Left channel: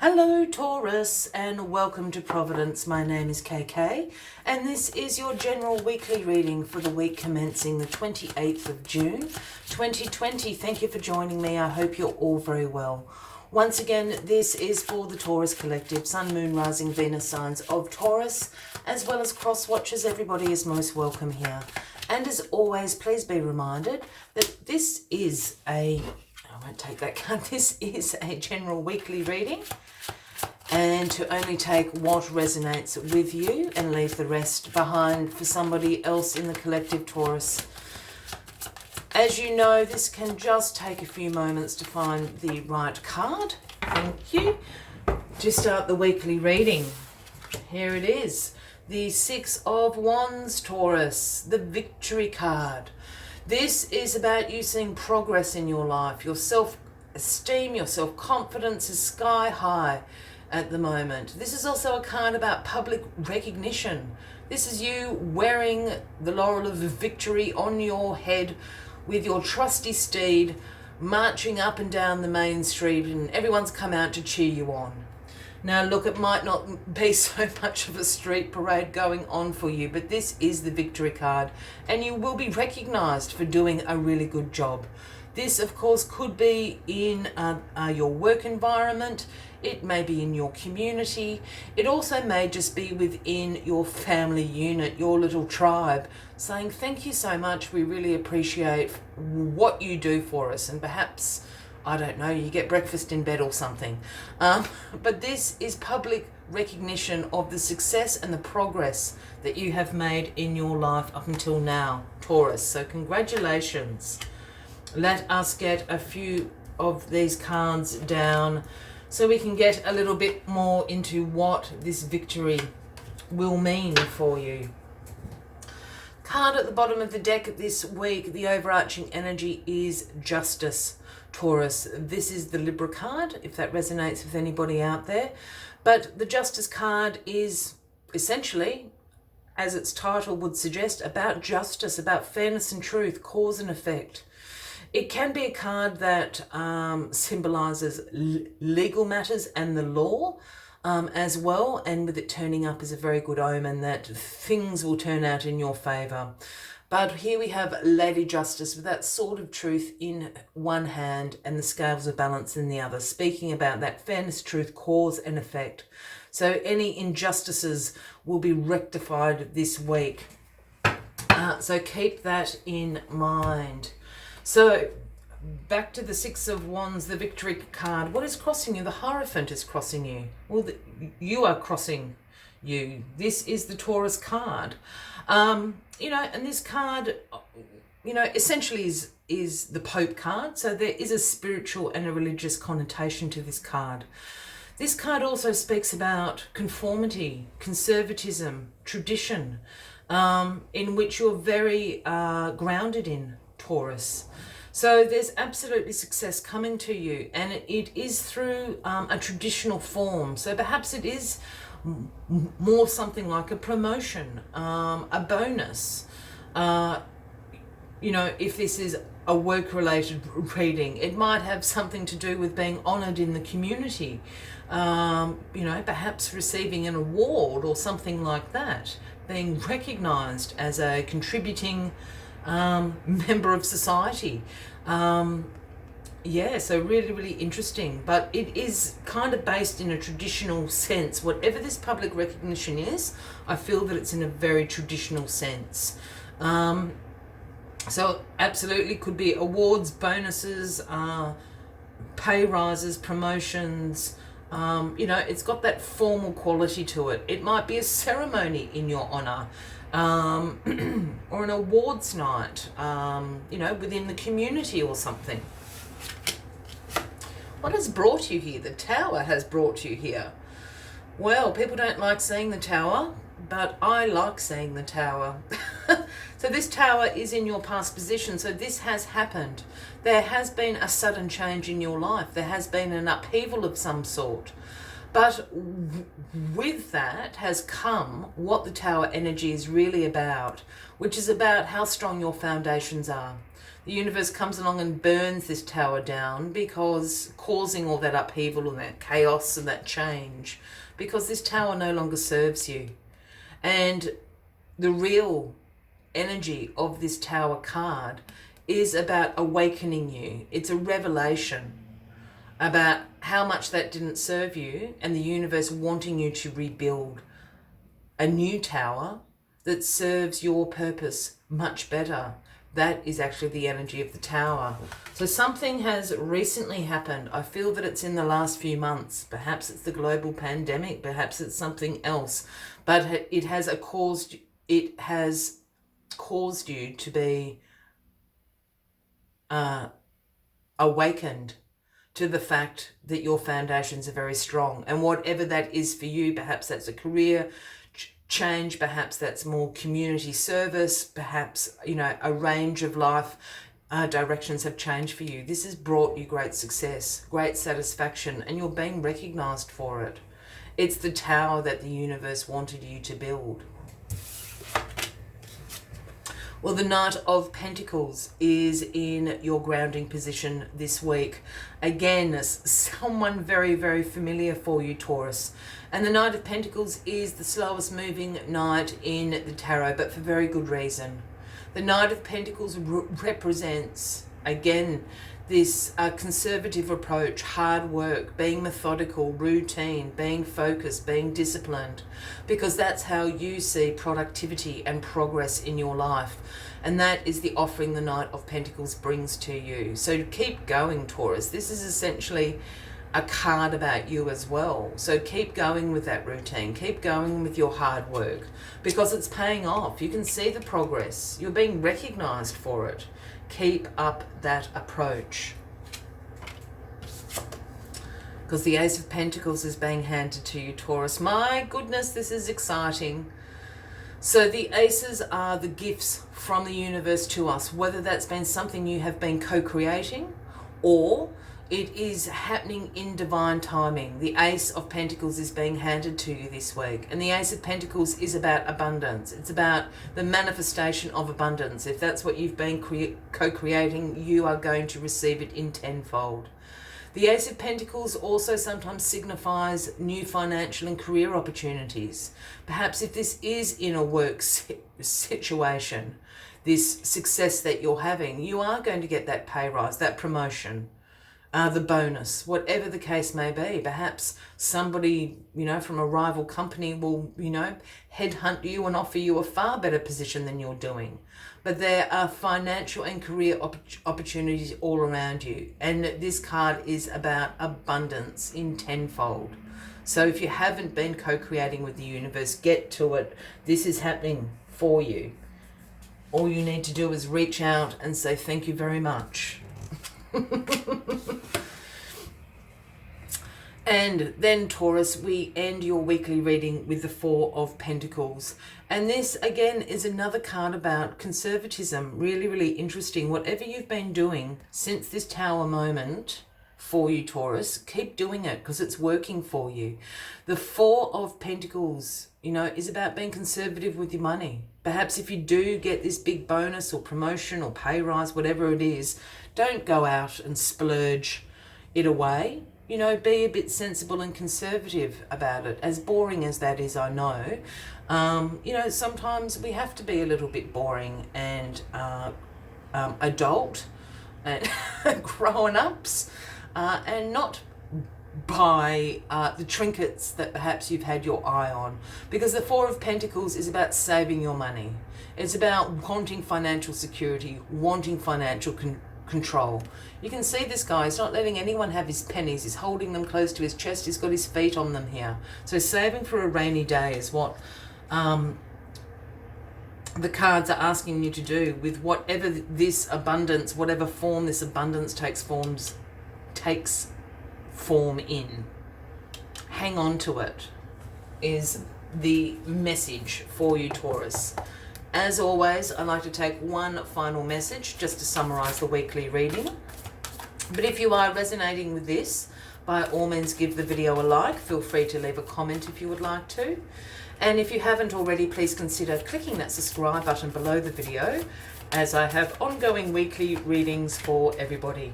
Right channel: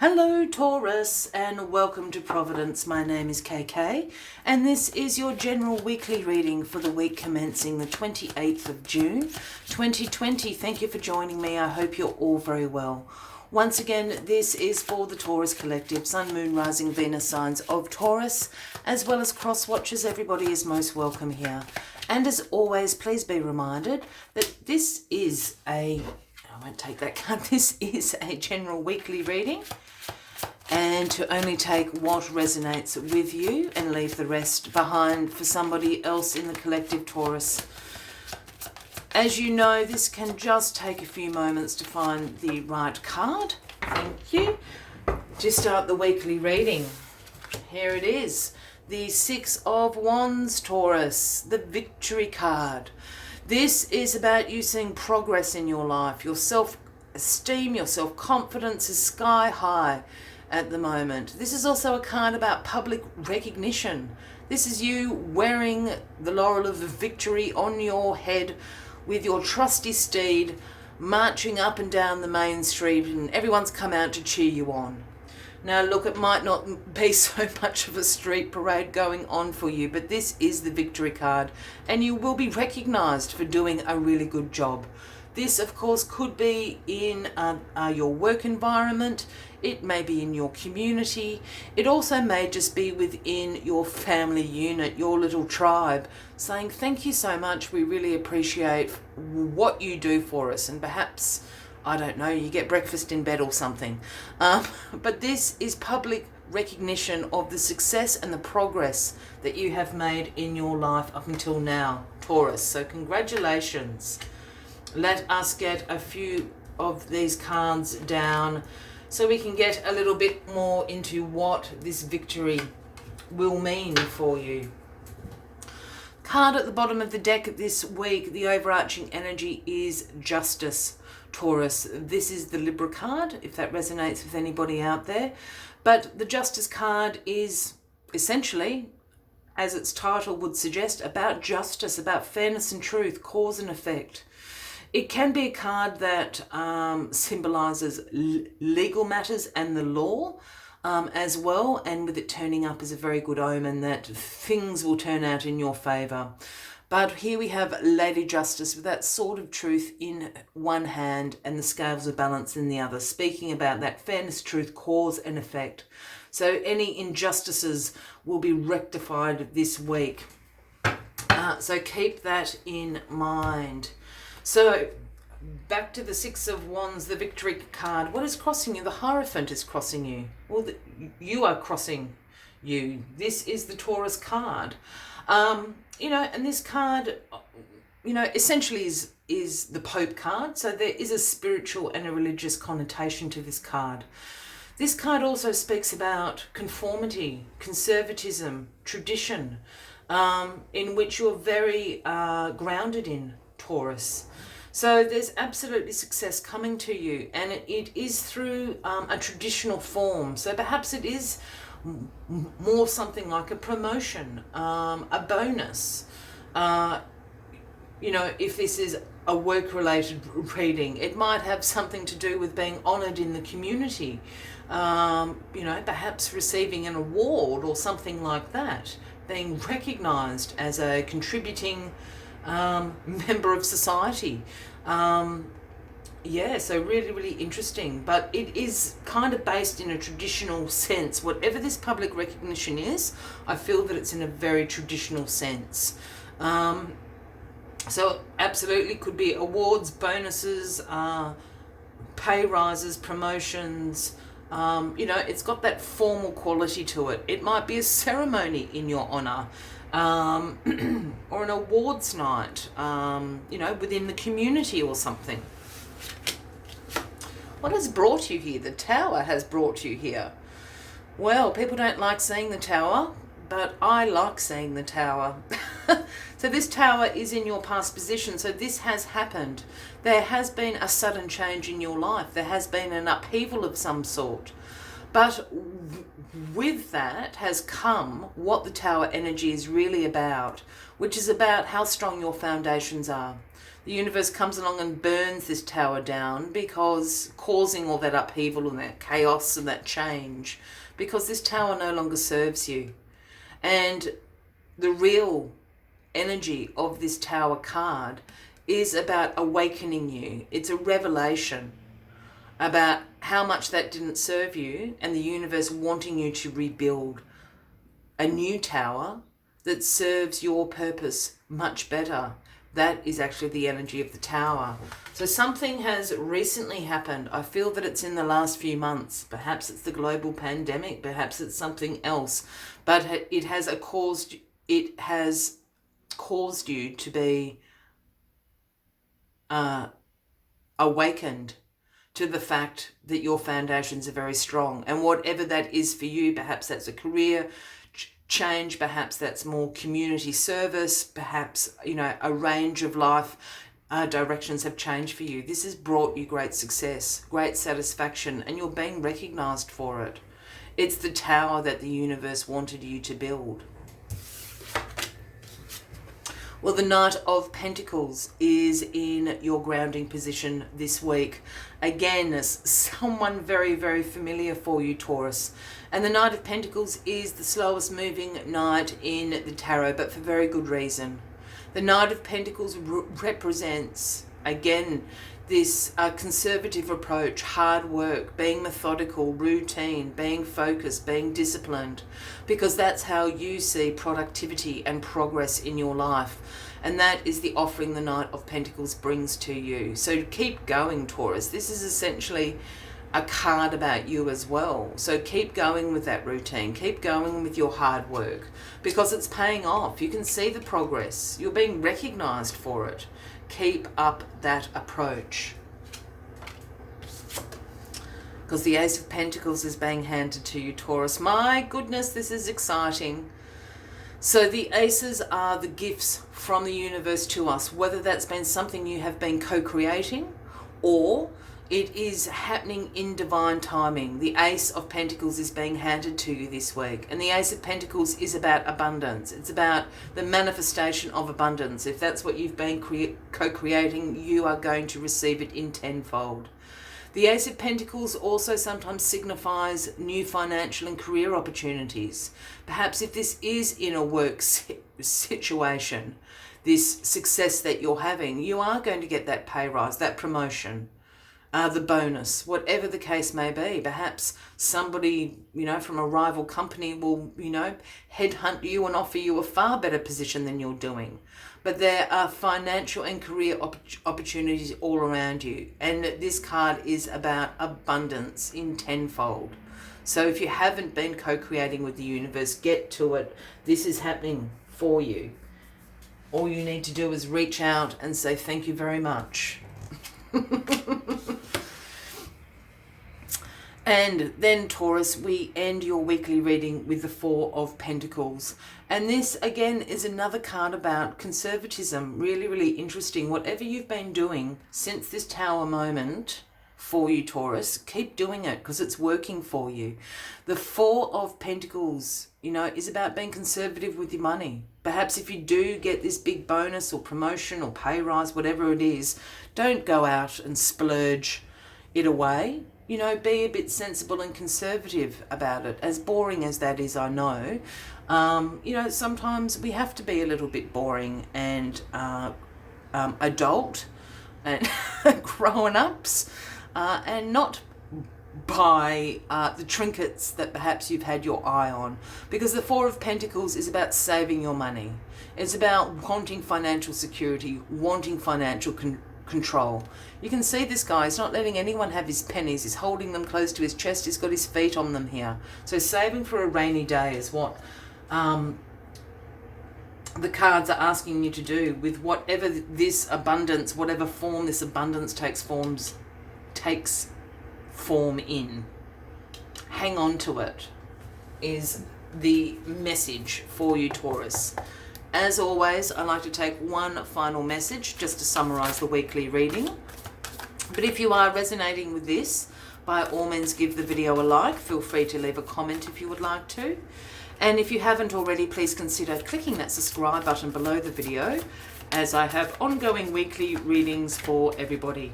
Hello Taurus and welcome to Providence. My name is KK and this is your general weekly reading for the week commencing the 28th of June 2020. Thank you for joining me. I hope you're all very well. Once again, this is for the Taurus Collective, Sun, Moon, Rising, Venus signs of Taurus, as well as cross watchers. Everybody is most welcome here. And as always, please be reminded that this is I won't take that card. This is a general weekly reading, and to only take what resonates with you and leave the rest behind for somebody else in the collective Taurus. As you know, this can just take a few moments to find the right card. Thank you. To start the weekly reading, here it is. The Six of Wands, Taurus, the Victory card. This is about you seeing progress in your life. Your self-esteem, your self-confidence is sky high at the moment. This is also a card about public recognition. This is you wearing the laurel of victory on your head with your trusty steed, marching up and down the main street, and everyone's come out to cheer you on. Now look, it might not be so much of a street parade going on for you, but this is the victory card and you will be recognised for doing a really good job. This, of course, could be in your work environment. It may be in your community. It also may just be within your family unit, your little tribe, saying thank you so much. We really appreciate what you do for us, and perhaps, I don't know, you get breakfast in bed or something. But this is public recognition of the success and the progress that you have made in your life up until now, Taurus. So congratulations. Let us get a few of these cards down so we can get a little bit more into what this victory will mean for you. Card at the bottom of the deck this week, the overarching energy is Justice, Taurus. This is the Libra card, if that resonates with anybody out there. But the Justice card is essentially, as its title would suggest, about justice, about fairness and truth, cause and effect. It can be a card that symbolises legal matters and the law as well, and with it turning up as a very good omen that things will turn out in your favour. But here we have Lady Justice with that sword of truth in one hand and the scales of balance in the other, speaking about that fairness, truth, cause and effect. So any injustices will be rectified this week. So keep that in mind. So back to the Six of Wands, the Victory card. What is crossing you? The Hierophant is crossing you. Well, you are crossing you. This is the Taurus card. And this card, essentially is the Pope card. So there is a spiritual and a religious connotation to this card. This card also speaks about conformity, conservatism, tradition, in which you're very grounded in, Taurus. So there's absolutely success coming to you, and it is through a traditional form. So perhaps it is more something like a promotion, a bonus. If this is a work-related reading, it might have something to do with being honoured in the community. Perhaps receiving an award or something like that, being recognised as a contributing member of society. So really, really interesting. But it is kind of based in a traditional sense. Whatever this public recognition is, I feel that it's in a very traditional sense. So absolutely could be awards, bonuses, pay rises, promotions. It's got that formal quality to it. It might be a ceremony in your honour. Or an awards night, within the community or something. What has brought you here? The Tower has brought you here. Well, people don't like seeing the Tower, but I like seeing the Tower. So this Tower is in your past position, so this has happened. There has been a sudden change in your life. There has been an upheaval of some sort. But with that has come what the Tower energy is really about, which is about how strong your foundations are. The universe comes along and burns this tower down, because causing all that upheaval and that chaos and that change, because this tower no longer serves you. And the real energy of this tower card is about awakening you. It's a revelation about how much that didn't serve you, and the universe wanting you to rebuild a new tower that serves your purpose much better. That is actually the energy of the tower. So something has recently happened. I feel that it's in the last few months. Perhaps it's the global pandemic. Perhaps it's something else. But it has caused you to be awakened to the fact that your foundations are very strong. And whatever that is for you, perhaps that's a career change, perhaps that's more community service, perhaps, a range of life directions have changed for you. This has brought you great success, great satisfaction, and you're being recognized for it. It's the tower that the universe wanted you to build. Well, the Knight of Pentacles is in your grounding position this week. Again, someone very, very familiar for you, Taurus. And the Knight of Pentacles is the slowest moving knight in the tarot, but for very good reason. The Knight of Pentacles represents, again, this conservative approach, hard work, being methodical, routine, being focused, being disciplined, because that's how you see productivity and progress in your life. And that is the offering the Knight of Pentacles brings to you. So keep going, Taurus. This is essentially a card about you as well. So keep going with that routine. Keep going with your hard work, because it's paying off. You can see the progress. You're being recognized for it. Keep up that approach. Because the Ace of Pentacles is being handed to you, Taurus. My goodness, this is exciting. So the aces are the gifts from the universe to us, whether that's been something you have been co-creating or it is happening in divine timing. The Ace of Pentacles is being handed to you this week. And the Ace of Pentacles is about abundance. It's about the manifestation of abundance. If that's what you've been co-creating, you are going to receive it in tenfold. The Ace of Pentacles also sometimes signifies new financial and career opportunities. Perhaps if this is in a work situation, this success that you're having, you are going to get that pay rise, that promotion, the bonus, whatever the case may be. Perhaps somebody, from a rival company will, headhunt you and offer you a far better position than you're doing. But there are financial and career opportunities all around you. And this card is about abundance in tenfold. So if you haven't been co-creating with the universe, get to it. This is happening for you. All you need to do is reach out and say thank you very much. And then, Taurus, we end your weekly reading with the Four of Pentacles. And this, again, is another card about conservatism. Really, really interesting. Whatever you've been doing since this Tower moment for you, Taurus, keep doing it because it's working for you. The Four of Pentacles, is about being conservative with your money. Perhaps if you do get this big bonus or promotion or pay rise, whatever it is, don't go out and splurge it away. Be a bit sensible and conservative about it. As boring as that is, I know. Sometimes we have to be a little bit boring and adult and grown-ups and not buy the trinkets that perhaps you've had your eye on. Because the Four of Pentacles is about saving your money. It's about wanting financial security, wanting financial control. You can see this guy, he's not letting anyone have his pennies. He's holding them close to his chest. He's got his feet on them here. So saving for a rainy day is what the cards are asking you to do with whatever this abundance, whatever form this abundance takes form in. Hang on to it is the message for you, Taurus. As always, I like to take one final message just to summarize the weekly reading. But if you are resonating with this, by all means give the video a like. Feel free to leave a comment if you would like to. And if you haven't already, please consider clicking that subscribe button below the video as I have ongoing weekly readings for everybody.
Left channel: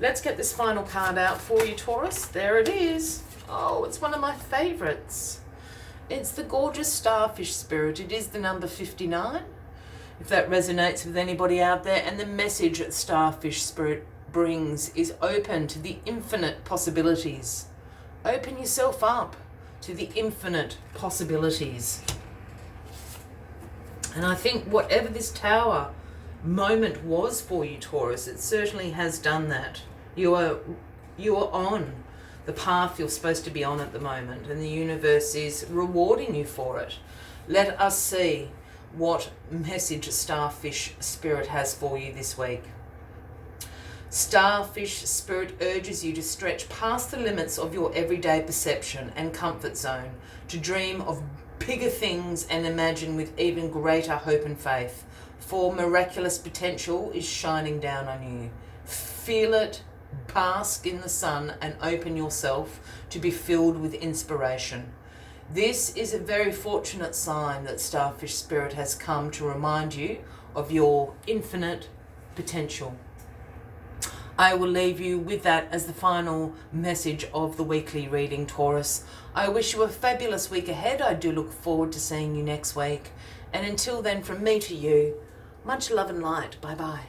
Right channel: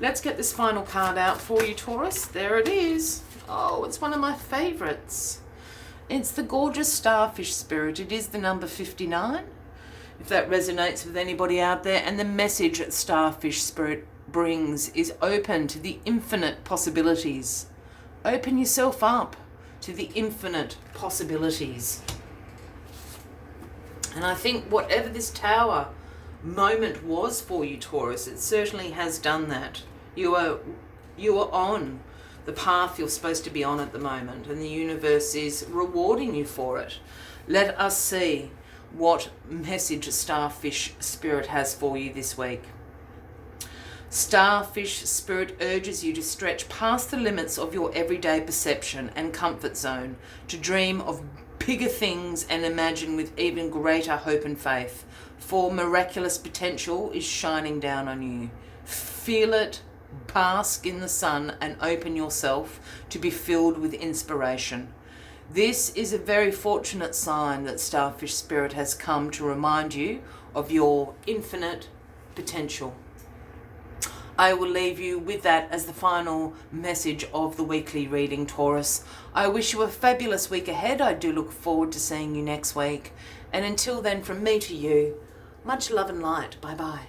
Let's get this final card out for you, Taurus. There it is. Oh, it's one of my favourites. It's the gorgeous Starfish Spirit. It is the number 59, if that resonates with anybody out there. And the message that Starfish Spirit brings is open to the infinite possibilities. Open yourself up to the infinite possibilities. And I think whatever this Tower moment was for you, Taurus, it certainly has done that. You are on the path you're supposed to be on at the moment, and the universe is rewarding you for it. Let us see what message Starfish Spirit has for you this week. Starfish Spirit urges you to stretch past the limits of your everyday perception and comfort zone, to dream of bigger things and imagine with even greater hope and faith, for miraculous potential is shining down on you. Feel it, bask in the sun, and open yourself to be filled with inspiration. This is a very fortunate sign that Starfish Spirit has come to remind you of your infinite potential. I will leave you with that as the final message of the weekly reading, Taurus. I wish you a fabulous week ahead. I do look forward to seeing you next week. And until then, from me to you, much love and light. Bye-bye.